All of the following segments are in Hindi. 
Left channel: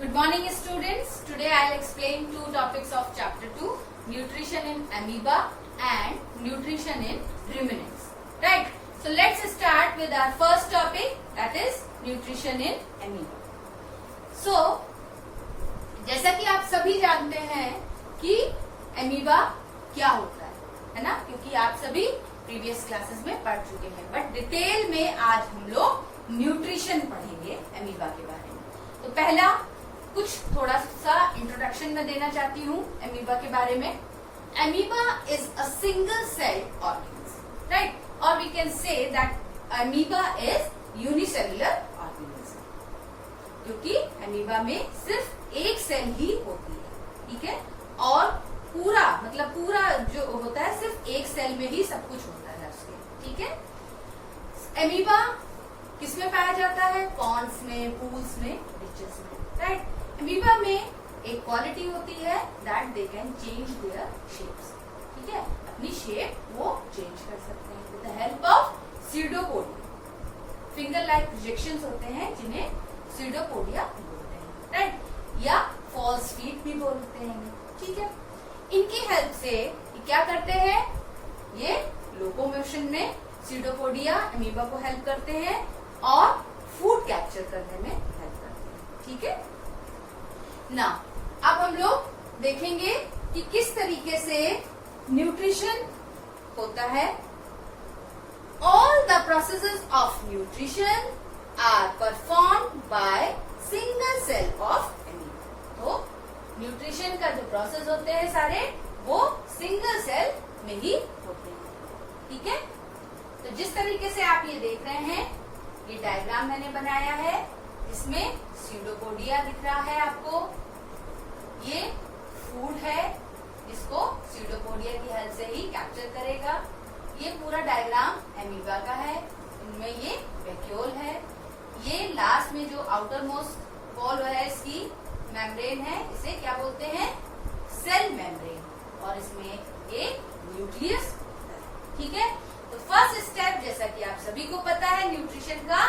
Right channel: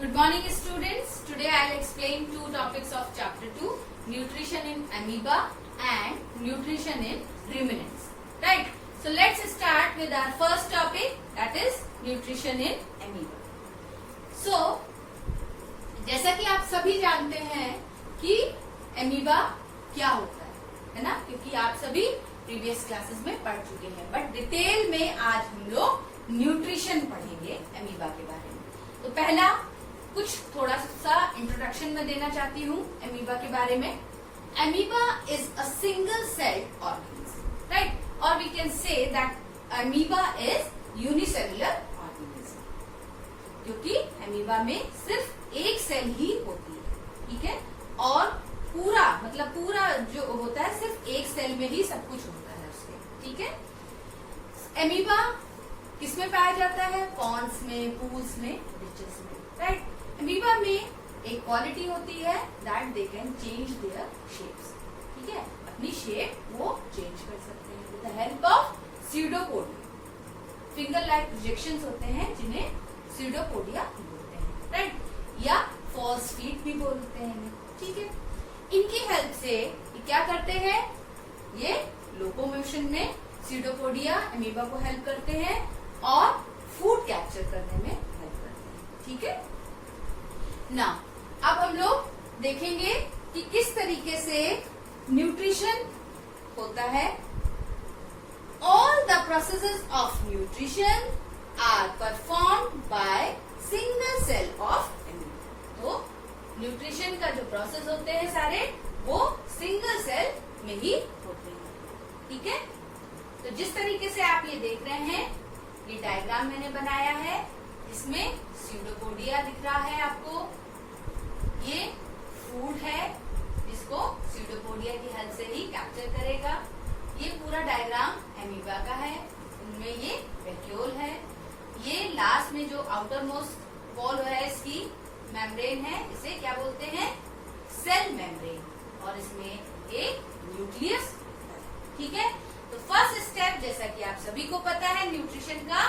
Good morning students. Today I will explain two topics of chapter 2, nutrition in amoeba and nutrition in ruminants. Right. So let's start with our first topic, that is nutrition in amoeba. So जैसा कि आप सभी जानते हैं कि एमीबा क्या होता है ना, क्योंकि आप सभी प्रीवियस क्लासेस में पढ़ चुके हैं, बट डिटेल में आज हम लोग न्यूट्रिशन पढ़ेंगे एमीबा के बारे में। तो पहला कुछ थोड़ा सा इंट्रोडक्शन में देना चाहती हूँ एमीबा के बारे में। Amoeba is a single celled organism, right, और we can say that amoeba is unicellular organism, क्योंकि एमीबा में सिर्फ एक सेल ही होती है, ठीक है, और पूरा मतलब पूरा जो होता है सिर्फ एक सेल में ही सब कुछ होता है उसके, ठीक है। एमीबा किसमें पाया जाता है? पॉन्ड्स में, पूल्स में, रिचेस में, राइट। एमीबा में एक क्वालिटी होती है that they can change their shapes, ठीक है, अपनी शेप वो चेंज कर सकते हैं with the help of pseudopodia. Finger like projections होते हैं जिन्हें स्यूडोपोडिया बोलते हैं, राइट, या फॉल्स फीट भी बोलते हैं, ठीक है। इनकी हेल्प से ये क्या करते हैं? ये लोकोमोशन में स्यूडोपोडिया एमीबा को हेल्प करते हैं और फूड कैप्चर करने में हेल्प करते हैं, ठीक है ना। अब हम लोग देखेंगे कि किस तरीके से न्यूट्रिशन होता है। All the processes of nutrition are performed by single cell of amoeba. तो न्यूट्रिशन का जो प्रोसेस होते हैं सारे वो सिंगल सेल में ही होते हैं, ठीक है। तो जिस तरीके से आप ये देख रहे हैं, ये डायग्राम मैंने बनाया है, इसमें स्यूडोपोडिया दिख रहा है आपको, ये फूड है जिसको स्यूडोपोडिया की हेल्प से ही कैप्चर करेगा। ये पूरा डायग्राम एमीबा का है, इनमें ये वैक्यूल है, ये लास्ट में जो आउटर मोस्ट वॉल है इसकी मेम्ब्रेन है, इसे क्या बोलते हैं? सेल मेम्ब्रेन, और इसमें एक न्यूक्लियस, ठीक है। तो फर्स्ट स्टेप जैसा कि आप सभी को पता है न्यूट्रिशन का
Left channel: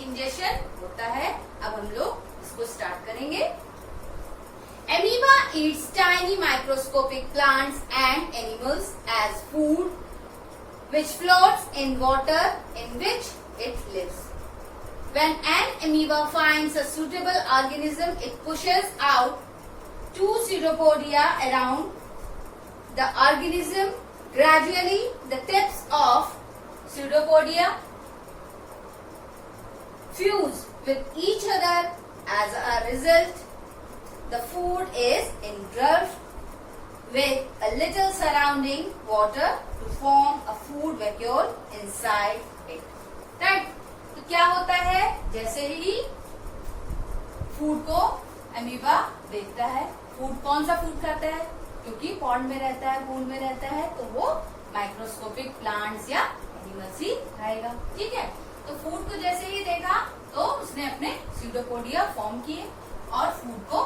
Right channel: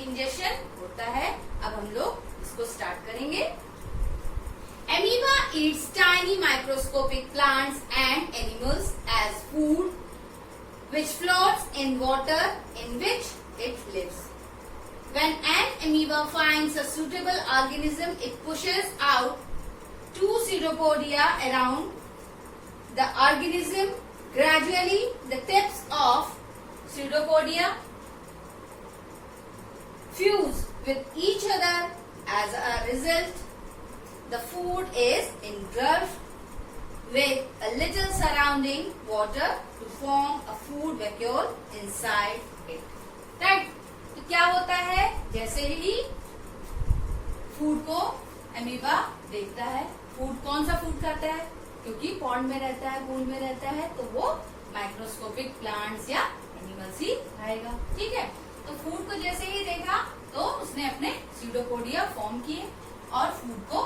इंजेक्शन होता है। अब हम लोग इसको स्टार्ट करेंगे। Amoeba eats tiny microscopic plants and animals as food which floats in water in which it lives. When an amoeba finds a suitable organism, it pushes out two pseudopodia around the organism. Gradually, the tips of pseudopodia fuse with each other. As a result, the food is engulfed with a little surrounding water to form a food vacuole inside it. Right? तो क्या होता है? जैसे ही फूड को एमीबा देखता है, फूड कौन सा फूड खाता है? क्योंकि पॉन्ड में रहता है, पूल में रहता है, तो वो माइक्रोस्कोपिक प्लांट्स या एनिमल्स ही खाएगा, ठीक है। तो फूड को जैसे ही देखा तो उसने अपने स्यूडोपोडिया फॉर्म किए और फूड को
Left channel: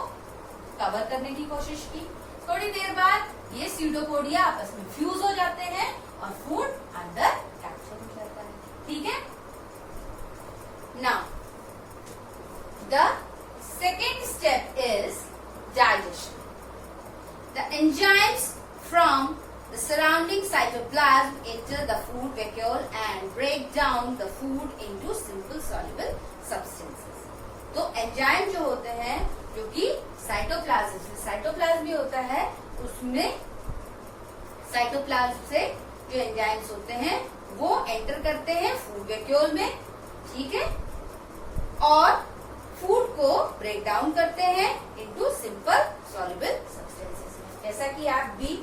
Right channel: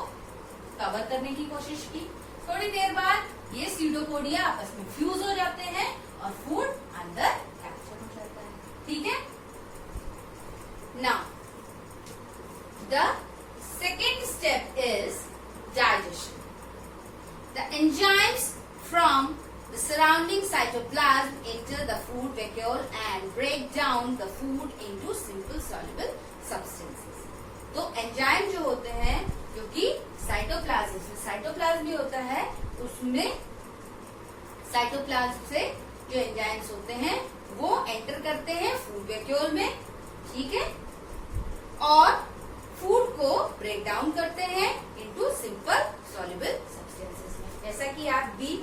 कवर करने की कोशिश की। थोड़ी देर बाद ये स्यूडोपोडिया आपस में फ्यूज हो जाते हैं और फूड अंदर कैप्चर हो जाता है, ठीक है। Now the second step is digestion. The enzymes from the surrounding cytoplasm enter the food vacuole and break down the food into simple soluble substances. तो एंजाइम जो होते हैं, जो कि साइटोप्लाज्म से, साइटोप्लाज्म भी होता है, उसमें साइटोप्लाज्म से जो एंजाइम्स होते हैं वो एंटर करते हैं फूड वैक्यूल में, ठीक है, और फूड को ब्रेक डाउन करते हैं इनटू सिंपल सॉल्युबल सब्सटेंसेस में, जैसा कि आप भी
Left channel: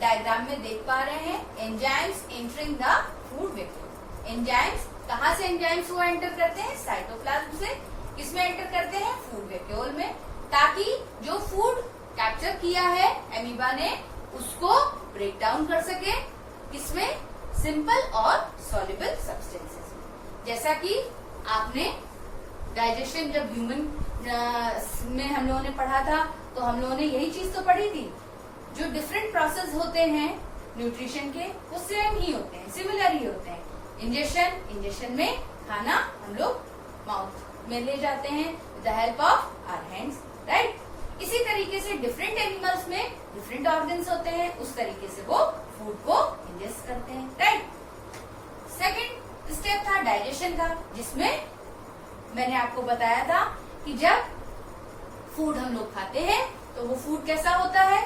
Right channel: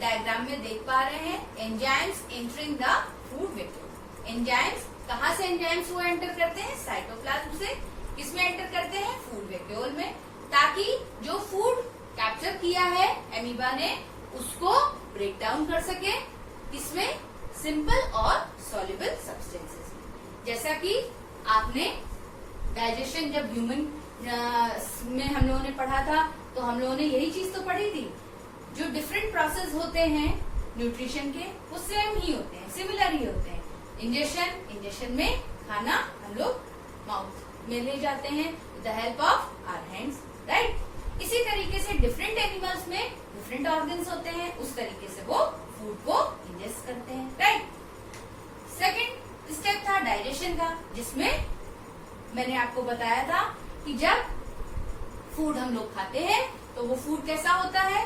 डायग्राम में देख पा रहे हैं। Enzymes entering the food vacuole. Enzymes कहाँ से एंजाइम्स वो एंटर करते हैं? साइटोप्लाज्म से। किसमें एंटर करते हैं? फूड वैक्यूल में, ताकि जो फूड कैप्चर किया है एमीबा ने उसको ब्रेक डाउन कर सके, किसमें? सिंपल और सॉल्युबल सब्सटेंसेस में। जैसा कि आपने डाइजेशन जब ह्यूमन में हम लोगों ने पढ़ा था, तो हम लोगों ने यही चीज तो पढ़ी थी, जो डिफरेंट प्रोसेस होते हैं न्यूट्रिशन के वो सेम ही होते हैं, सिमिलर ही होते हैं। इंजेक्शन में खाना हम लोग माउथ में ले जाते हैं with the help of our hands, different animals में डिफरेंट ऑर्गन्स होते हैं, उस तरीके से वो फूड को इंजेस्ट करते हैं, राइट। सेकेंड स्टेप था डाइजेशन का, जिसमें मैंने आपको बताया था कि जब फूड हम लोग खाते हैं तो वो फूड कैसा होता है,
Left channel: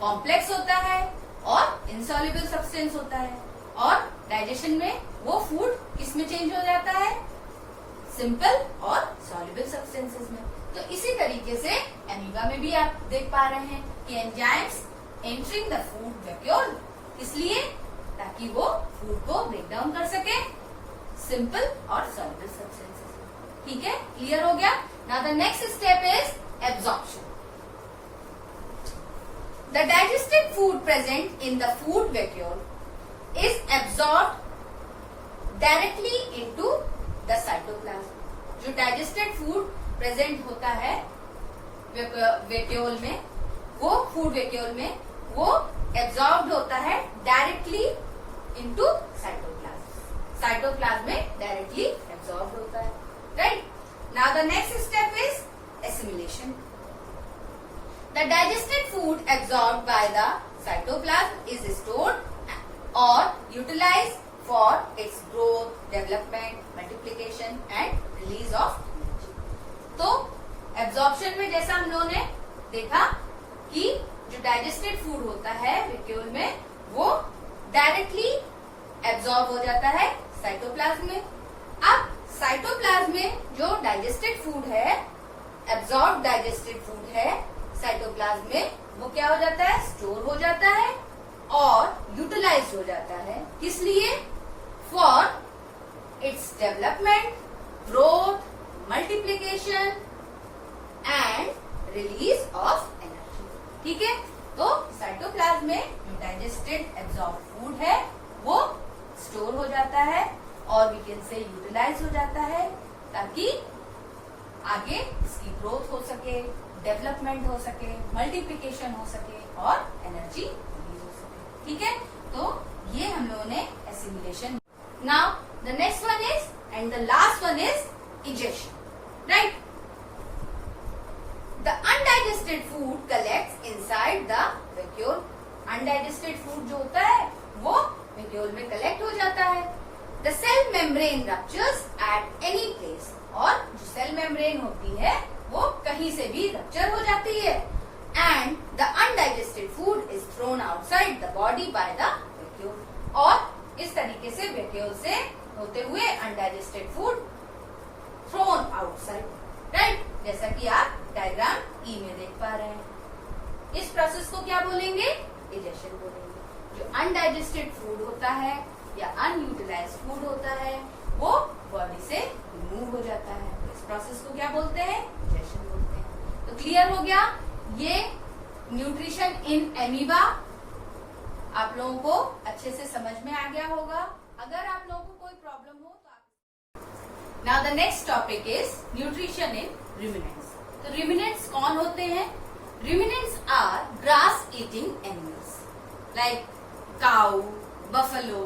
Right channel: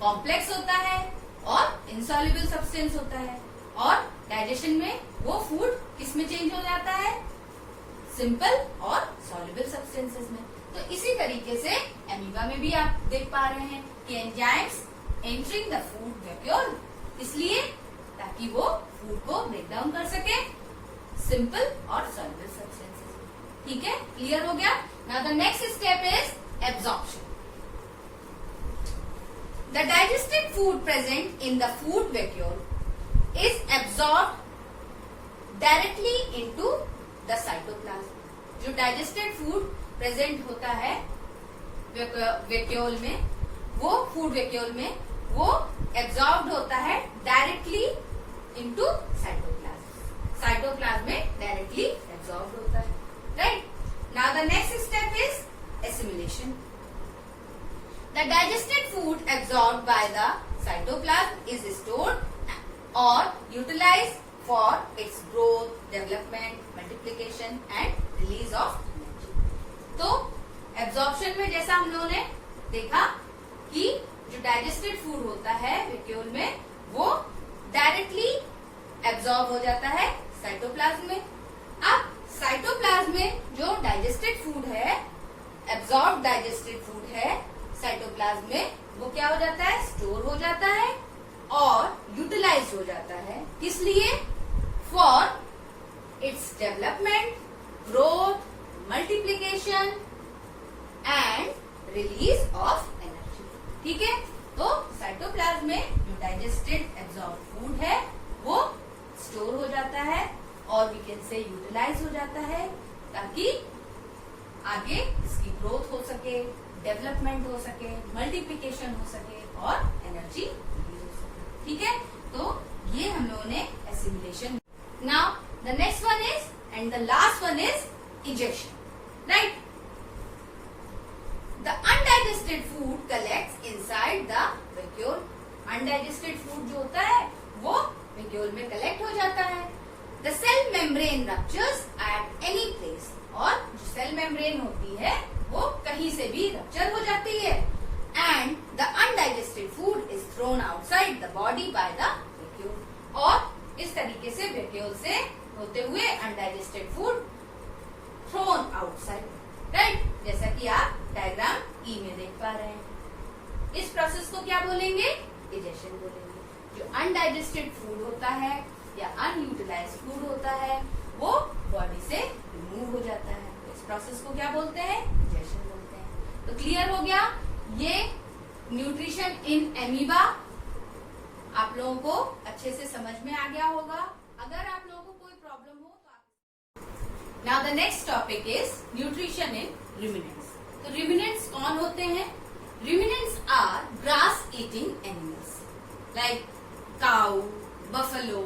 कॉम्प्लेक्स होता है और इनसॉल्युबल सब्सटेंस होता है, और डाइजेशन में वो फूड किस में चेंज हो जाता है, सिंपल और सॉल्युबल सब्सटेंसेस में। तो इसी तरीके से एमीबा में भी आप देख पा रहे हैं कि enzymes entering the food vacuole, इसलिए ताकि वो फूड को ब्रेक डाउन कर सके सिंपल और सॉल्युबल सब्सटेंसेस में। ठीक है, क्लियर हो गया। Now the next step is absorption. The digested food present in the food vacuole is absorbed directly into the cytoplasm. जो digested food present होता है वैक्यूल में, वो फूड वैक्यूल में वो एब्जॉर्ब्ड होता है डायरेक्टली इनटू साइटोप्लाज्म। साइटोप्लाज्म में डायरेक्टली एब्जॉर्ब्ड होता है, right. Now the next step is assimilation. The digested food absorbed by the cytoplasm is stored or utilized for its growth, development, multiplication and release of energy. तो absorption में जैसा हम लोगों ने देखा कि जो digested food होता है वैक्यूल में, वो डायरेक्टली एब्जॉर्ब हो जाता है साइटोप्लाज्म में। अब साइटोप्लाज्म में जो डाइजेस्टेड फूड है, एब्जॉर्ब डाइजेस्टेड फूड है, साइटोप्लाज्म में वो क्या हो जाता है, स्टोर हो जाता है और यूटिलाइज हो जाता है। किस लिए, for its development, growth, multiplication and release of energy. ठीक है, तो साइटोप्लाज्म में जो डाइजेस्टेड एब्जॉर्ब फूड है वो स्टोर हो जाता है और वी कैन से यूटिलाइज हो जाता है, ताकि आगे इसकी ग्रोथ हो सके, डेवलपमेंट हो सके, मल्टीप्लिकेशन हो सके और एनर्जी रिलीज हो सके। ठीक है, तो ये हम लोगों ने assimilation. Now the next one is and the last one is ejection, right. The undigested food collects inside the vacuole. Undigested food जो होता है वो वैक्यूल में कलेक्ट हो जाता है। The cell membrane ruptures at any place, और जो सेल मेम्ब्रेन होती है वो कहीं से भी रप्चर हो जाती है। And the undigested food is thrown outside the body by the vacuole, और इस तरीके से वैक्यूल से होते हुए undigested food thrown outside, right. जैसा कि आप डायग्राम ई में देख पा रहे हैं। इस प्रोसेस को क्या बोलेंगे, इजेक्शन बोलेंगे। जो अनडाइजेस्टेड फूड होता है या अनयूटिलाइज फूड होता है वो बॉडी से रिमूव हो जाता है, तो इस प्रोसेस को क्या बोलते हैं, इजेक्शन बोलते हैं। तो क्लियर हो गया, ये न्यूट्रिशन इन एमीबा आप लोगों को अच्छे से समझ में आ गया होगा। अगर आप लोगों को कोई प्रॉब्लम हो तो आप। Now the next topic is nutrition in ruminants. तो रुमिनेंट्स कौन होते हैं, ruminants are grass eating animals like cow, buffalo,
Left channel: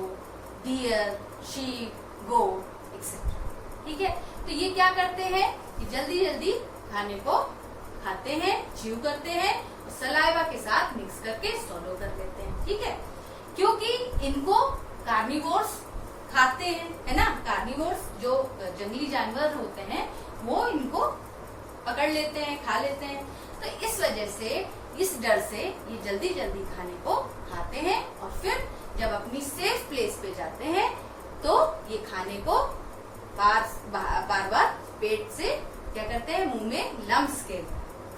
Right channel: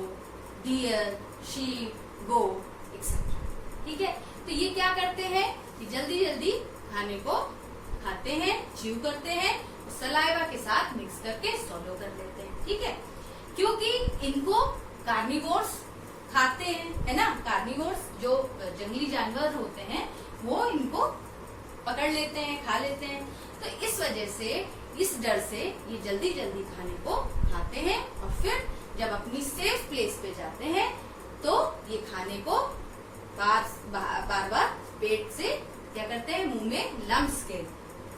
deer, sheep, goat etcetera. ठीक है, तो ये क्या करते हैं कि जल्दी जल्दी खाने को खाते हैं, च्यू करते हैं, सलाइवा के साथ मिक्स करके swallow कर लेते हैं। ठीक है, क्योंकि इनको कार्निवोर्स खाते हैं, है ना। कार्निवोर्स जो जंगली जानवर होते हैं वो इनको पकड़ लेते हैं, खा लेते हैं। तो इस वजह से, इस डर से ये जल्दी जल्दी खाने को खाते हैं और फिर जब अपनी सेफ प्लेस पे जाते हैं तो ये खाने को बार बार पेट से क्या करते हैं, मुंह में लम्स के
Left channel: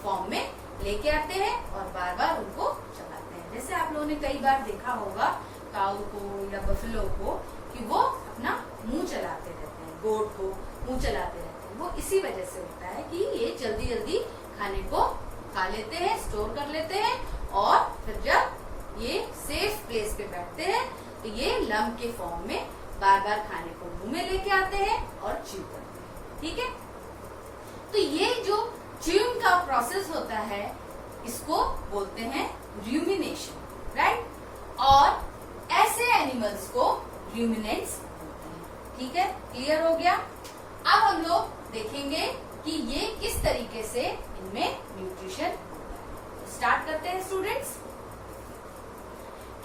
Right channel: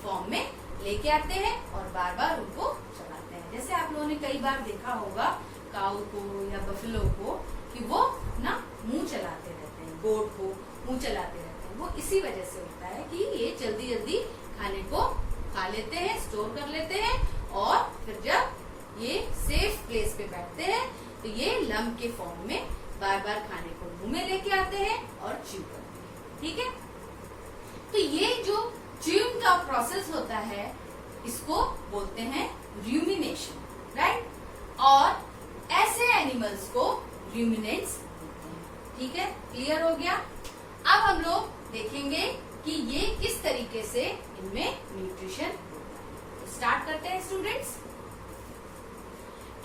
फॉर्म में लेके आते हैं और बार बार उनको चबाते हैं। जैसे आप लोगों ने कई बार देखा होगा काऊ को या बफलो को कि वो अपना मुंह चलाते रहते हैं, गोट को मुंह चलाते रहते हैं। वो इसी वजह से होता है कि ये जल्दी जल्दी खाने को खा लेते हैं, स्टोर कर लेते हैं और फिर जब ये सेफ प्लेस पे बैठते हैं तो ये लम्ब के फॉर्म में बार बार खाने को मुंह में लेके आते हैं और च्यू करते हैं। ठीक है, तो ये जो च्यूइंग का प्रोसेस होता है इसको बोलते हैं रूमिनेशन, राइट। और ऐसे एनिमल्स को रूमिनेंट्स बोलते हैं। ठीक है, क्लियर हो गया। अब हम लोग देखेंगे कि ये किस तरीके से इनमें न्यूट्रिशन होता है। स्टार्ट करते हैं students.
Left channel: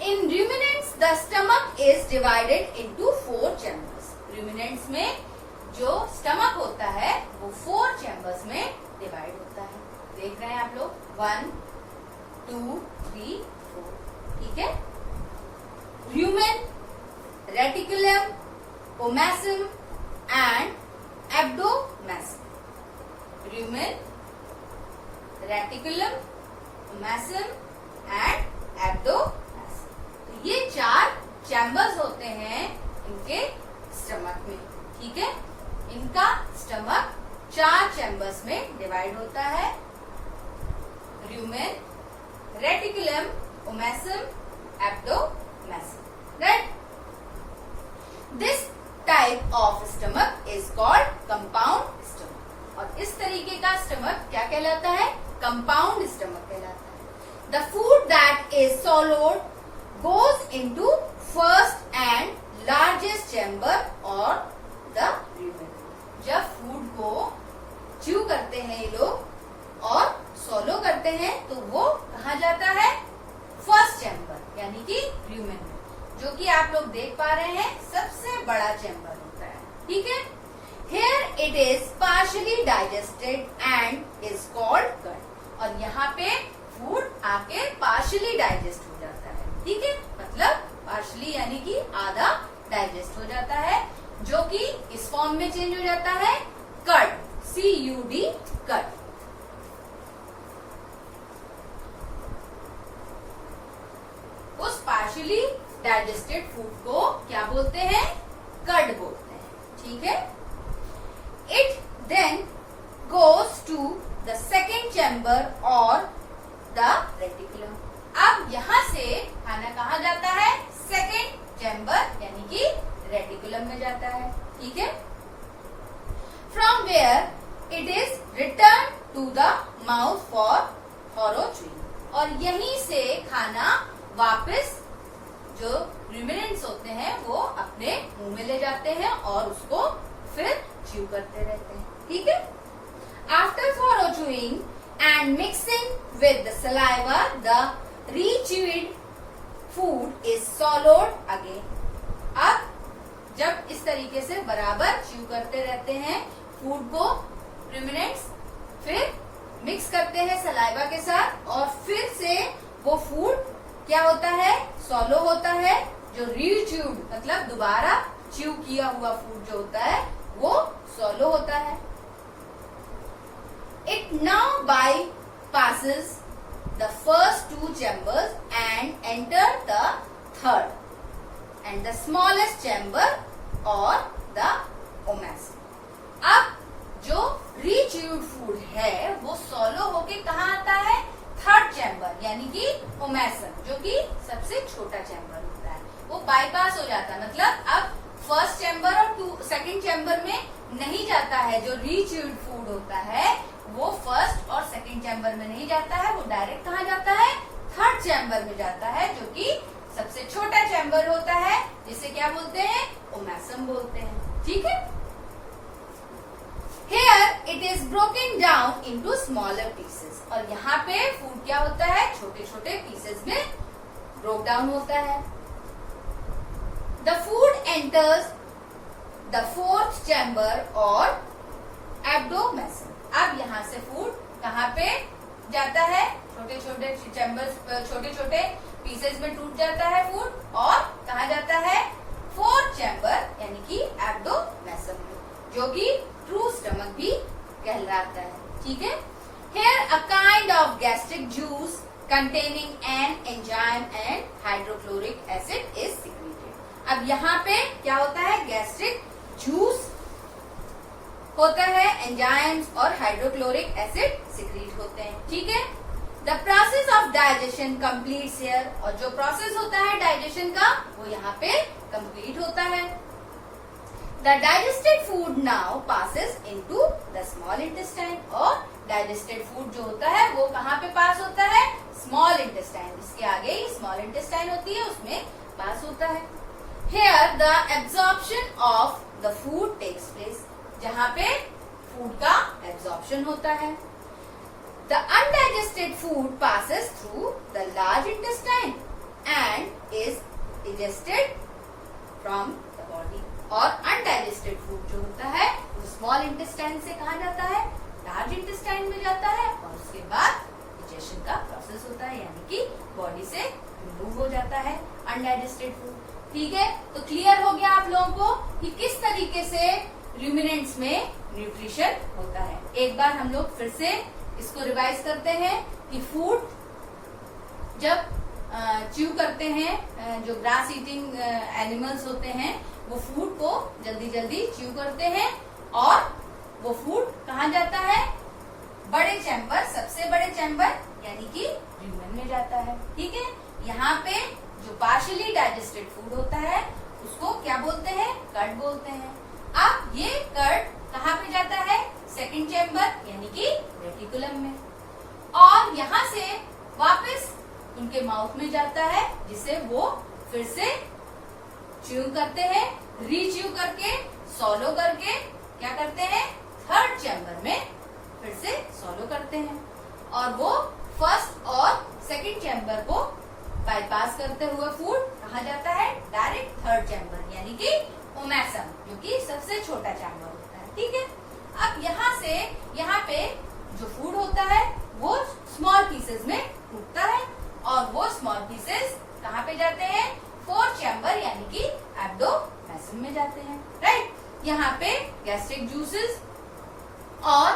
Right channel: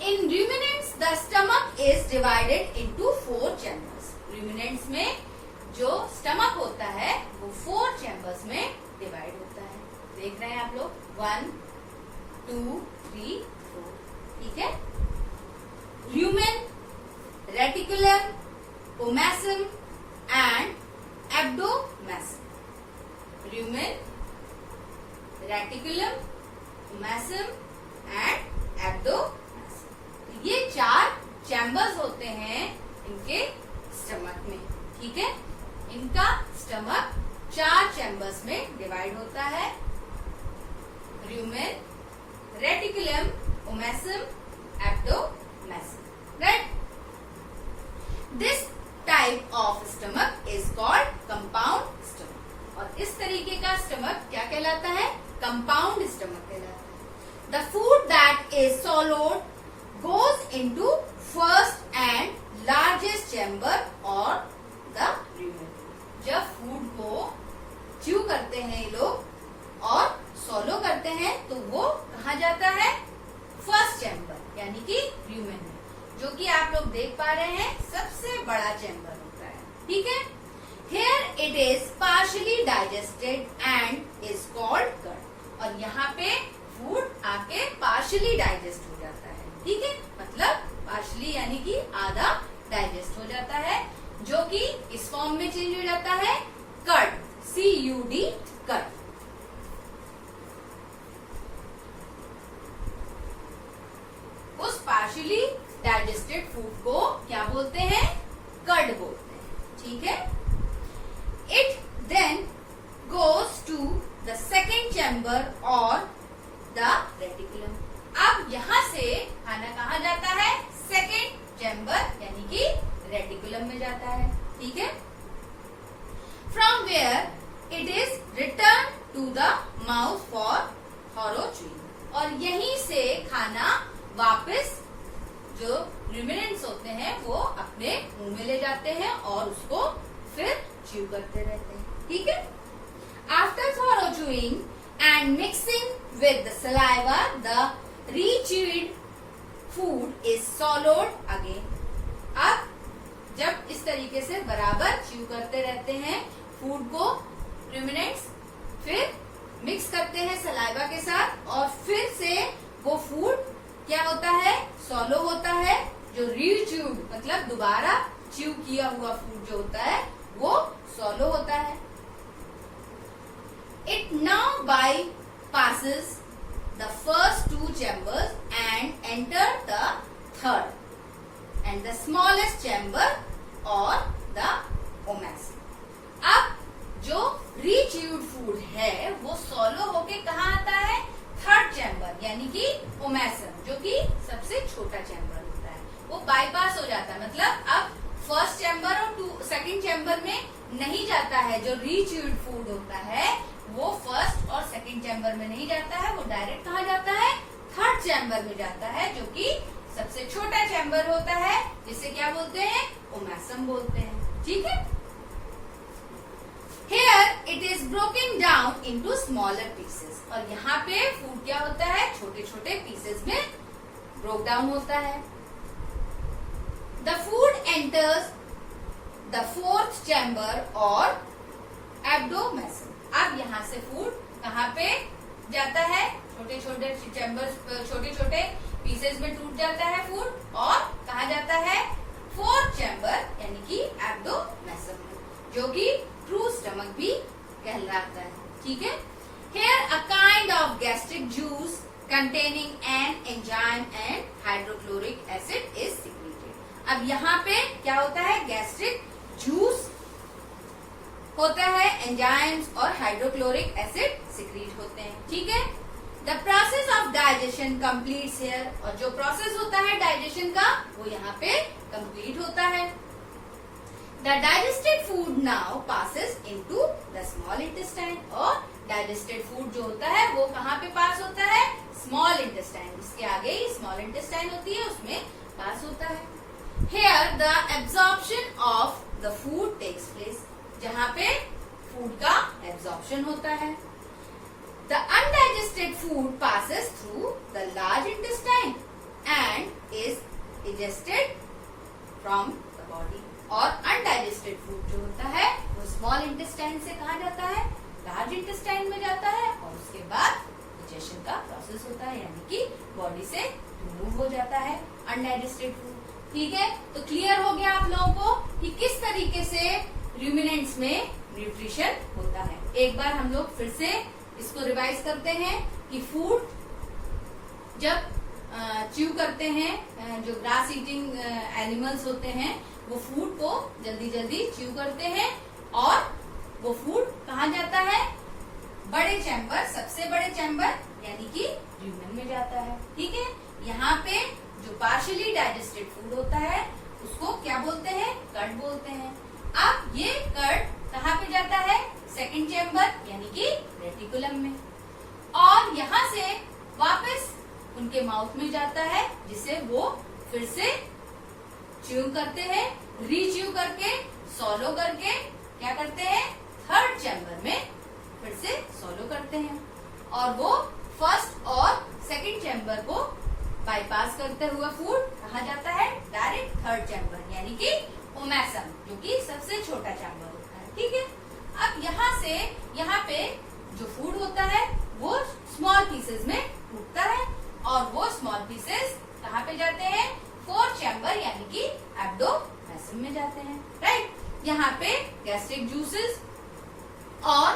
In ruminants the stomach is divided into 4 chambers. ruminants में जो स्टमक होता है वो 4 चैम्बर्स में डिवाइड होता है। देख रहे हैं आप लोग, 1 2 3 4, ठीक है। rumen, reticulum, omasum and abdomacum। rumen, reticulum, omasum and abdomacum, तो ये 4 चैम्बर्स होते हैं इनके स्टमक में, ठीक है। इनका स्टमक 4 चैम्बर्स में डिवाइड होता है। rumen, reticulum, omasum, abdomacum, right? This type of stomach is called compound stomach। और इस तरीके का स्टमक क्या कहलाता है? कंपाउंड स्टमक कहलाता है। The food that is swallowed goes into first and largest chamber or the rumen। जब फूड को च्यू करते हैं ये लोग और सॉलो करते हैं तो वो कहाँ जाता है? फर्स्ट चैम्बर यानी कि rumen में, जो कि आप लोग देख पा रहे हैं सबसे बड़ा चैम्बर होता है, ठीक है। Here it is partially digested and is called gut। और यहाँ पे फूड आके पार्शली डाइजेस्ट हो जाता है, ठीक है। मतलब पार्शली यानी कि आधा डाइजेस्ट हो जाता है, जो कि इस फॉर्म में चेंज हो जाता है कर्ड, CUD, कर्ड। उस पार्शली डाइजेस्टेड फूड को क्या बोलते हैं? कर्ड बोलते हैं, ठीक है। It then goes to the second chamber or the reticulum। अब यहाँ से खाना कहाँ जाता है? सेकेंड चैम्बर यानी कि रेटिकुलम में जाता है, ठीक है। From where it is returned to the mouth for thorough chewing। और यहीं से खाना वापस जो ruminants होते हैं वो अपने मुंह में ले जाते हैं और उसको फिर च्यू करते रहते हैं, ठीक है। After thorough chewing and mixing with the saliva, the re-chewed food is swallowed again। अब जब इस तरीके से बराबर च्यू करते रहते हैं फूड को ruminants, फिर मिक्स करते हैं सलाइवा के साथ और फिर से वो फूड क्या होता है? सॉलो होता है। जो रीच्यूड मतलब दोबारा च्यू किया हुआ फूड जो होता है वो सॉलो होता है। It now bypasses the first 2 chambers and enter the third and the smallest chamber or the omasum। अब जो रीच्यूड फूड है वो सॉलो होके कहाँ आता है? थर्ड चैम्बर यानी कि ओमेसम, जो कि सबसे छोटा चैम्बर होता है, वो बाईपास हो जाता है। मतलब अब फर्स्ट चैम्बर और सेकंड चैम्बर में नहीं जाता है। जो रीच्यूड फूड होता है वो फर्स्ट और सेकंड चैम्बर में नहीं जाता है, वो डायरेक्ट कहाँ जाता है? थर्ड चैम्बर में जाता है, जो कि सबसे छोटा चैम्बर होता है, जिसे क्या बोलते हैं? ओमेसम बोलते हैं, ठीक है। Here it is broken down into smaller pieces। और यहाँ पे फूड क्या होता है? छोटे छोटे पीसेस में ब्रोक डाउन होता है। The food enters the fourth chamber or abdomacum। अब यहाँ से फूड कहाँ पे जाता है? छोटे छोटे चैम्बर, छोटे छोटे पीसेस में टूट जाता है फूड और कहाँ जाता है? फोर्थ चैम्बर यानी कि एब्डोमेसम, जो कि ट्रू स्टमक भी कहलाता है, ठीक है। Here a kind of gastric juice containing an enzyme and hydrochloric acid is secreted। अब यहाँ पे क्या होता है? गैस्ट्रिक जूस होता है, एंजाइम्स और हाइड्रोक्लोरिक एसिड सिक्रीट होते हैं, ठीक है। The process of digestion completes here. और जो प्रोसेस होता है डाइजेशन का वो यहाँ पे कंप्लीट होता है। The digested food now passes into the small intestine. और डाइजेस्टेड फूड जो होता है वो कहाँ पे पास होता है? स्मॉल इंटेस्टाइन, जिसके आगे ही स्मॉल इंटेस्टाइन होती है उसमें पास होता है। Here the absorption of the food takes place. जहाँ पे फूड का एब्जॉर्प्शन होता है। The undigested food passes through the large intestine and is digested from the body. और undigested food जो होता है वो स्मॉल इंटेस्टाइन से कहाँ जाता है, लार्ज इंटेस्टाइन में जाता है और उसके बाद डाइजेशन का प्रोसेस होता है, यानी कि बॉडी से रिमूव हो जाता है अनडाइजेस्टेड फूड। ठीक है, तो क्लियर हो गया आप लोगों को कि किस तरीके से रूमिनेंट्स में न्यूट्रिशन होता है। एक बार हम लोग फिर से इसको रिवाइज करते हैं कि फूड जब च्यू करते हैं, जो ग्रास ईटिंग एनिमल्स होते हैं वो फूड को जल्दी जल्दी च्यू करते हैं और वो फूड कहाँ जाता है, बड़े चैम्बर, सबसे बड़े चैम्बर यानी कि ल्यूमेन में जाता है। ठीक है, यहाँ पे जो पार्शियली डाइजेस्टेड फूड होता है उसको क्या बोलते हैं, कट बोलते हैं। अब ये कट कहाँ पे जाता है, सेकंड चैम्बर यानी कि रेटिकुलम में, और यहाँ से वापस उनके माउथ में जाता है जिसे वो फिर से च्यू करते हैं, रीच्यू करके सॉलो करके क्या करते हैं, थर्ड चैम्बर में फिर से सॉलो करते हैं और वो फर्स्ट और सेकंड चैम्बर को बाईपास करते हुए फूड कहाँ जाता है, डायरेक्ट थर्ड चैम्बर यानी कि ओमेसम, जो कि सबसे छोटा चैम्बर होता है। ठीक है, अब यहाँ से यहाँ पे जो फूड होता है वो स्मॉल पीसेस में टूटता है और वो स्मॉल पीसेस कहाँ पे जाते हैं, फोर्थ चैम्बर यानी कि एब्डोमेसम में जाते हैं। राइट, यहाँ पे गैस्ट्रिक जूसेस और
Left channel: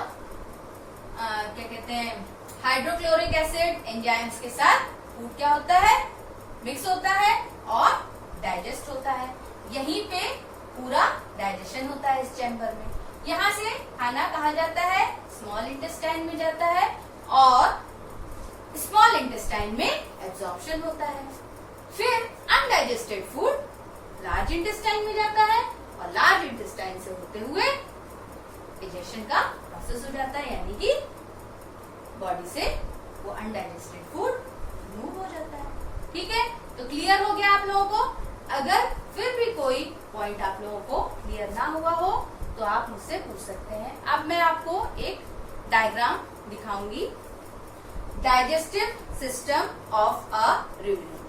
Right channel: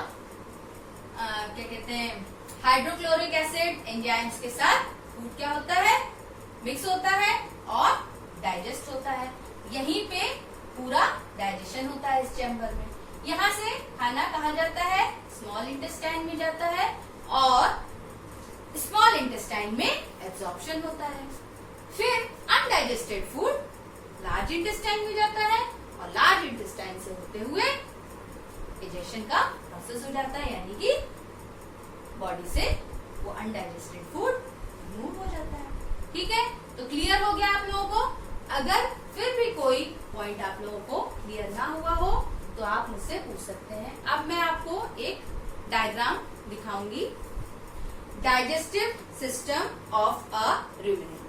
क्या कहते हैं, हाइड्रोक्लोरिक एसिड एंजाइम्स के साथ फूड क्या होता है, मिक्स होता है और डाइजेस्ट होता है। यहीं पे पूरा डाइजेशन होता है इस चैम्बर में। यहाँ से खाना कहाँ जाता है, स्मॉल इंटेस्टाइन में जाता है और स्मॉल इंटेस्टाइन में एब्जॉर्प्शन होता है। फिर अनडाइजेस्टेड फूड लार्ज इंटेस्टाइन में जाता है और लार्ज इंटेस्टाइन से होते हुए डाइजेशन का प्रोसेस हो जाता है, यानी कि बॉडी से वो अनडाइजेस्टेड फूड रिमूव हो जाता है। ठीक है, तो क्लियर हो गया आप लोगों को। अगर फिर भी कोई पॉइंट आप लोगों को क्लियर ना हुआ हो तो आप मुझसे पूछ सकते हैं। अब मैं आपको एक डायग्राम दिखाऊंगी, digestive system of a ruminant.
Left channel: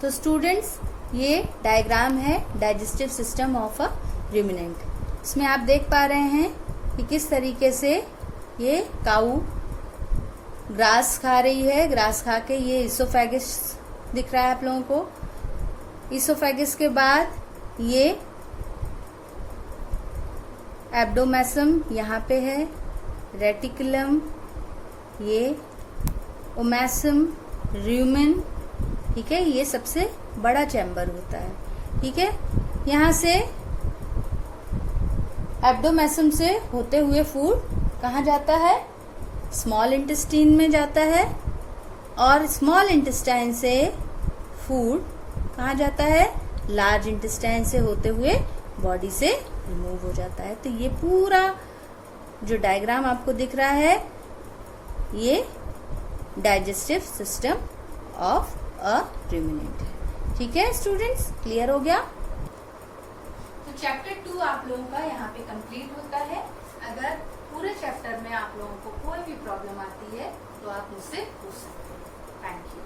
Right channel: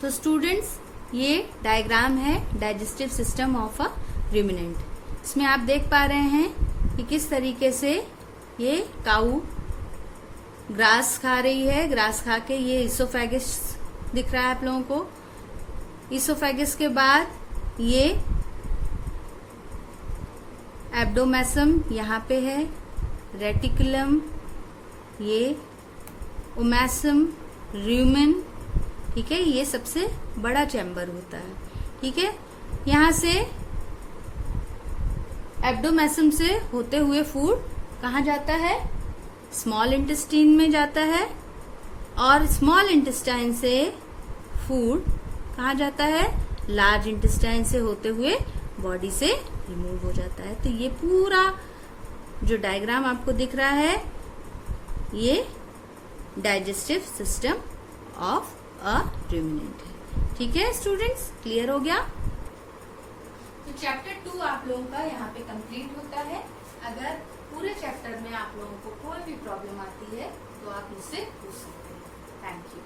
तो स्टूडेंट्स, ये डायग्राम है digestive system of a ruminant. इसमें आप देख पा रहे हैं कि किस तरीके से ये काऊ ग्रास खा रही है, ग्रास खा के ये इसोफेगस दिख रहा है आप लोगों को। इसोफेगस के बाद ये एब्डोमेसम यहाँ पे है, रेटिकुलम, ये ओमेसम, ल्यूमेन। ठीक है, ये सबसे बड़ा चैम्बर होता है। ठीक है, यहाँ से एब्डोमेसम से होते हुए फूड कहाँ जाता है, स्मॉल इंटेस्टाइन में जाता है और स्मॉल इंटेस्टाइन से फूड कहाँ जाता है, लार्ज इंटेस्टाइन से होते हुए बॉडी से रिमूव हो जाता है। तो ये पूरा जो डायग्राम आपको दिख रहा है ये digestive system of a ruminant है। ठीक है स्टूडेंट्स, क्लियर हो गया। तो चैप्टर 2 आप लोगों का यहाँ पे कंप्लीट होता है। अगर पूरे चैप्टर में आप लोगों को कोई भी प्रॉब्लम आती है तो आप मुझसे पूछ सकते हैं। Thank you.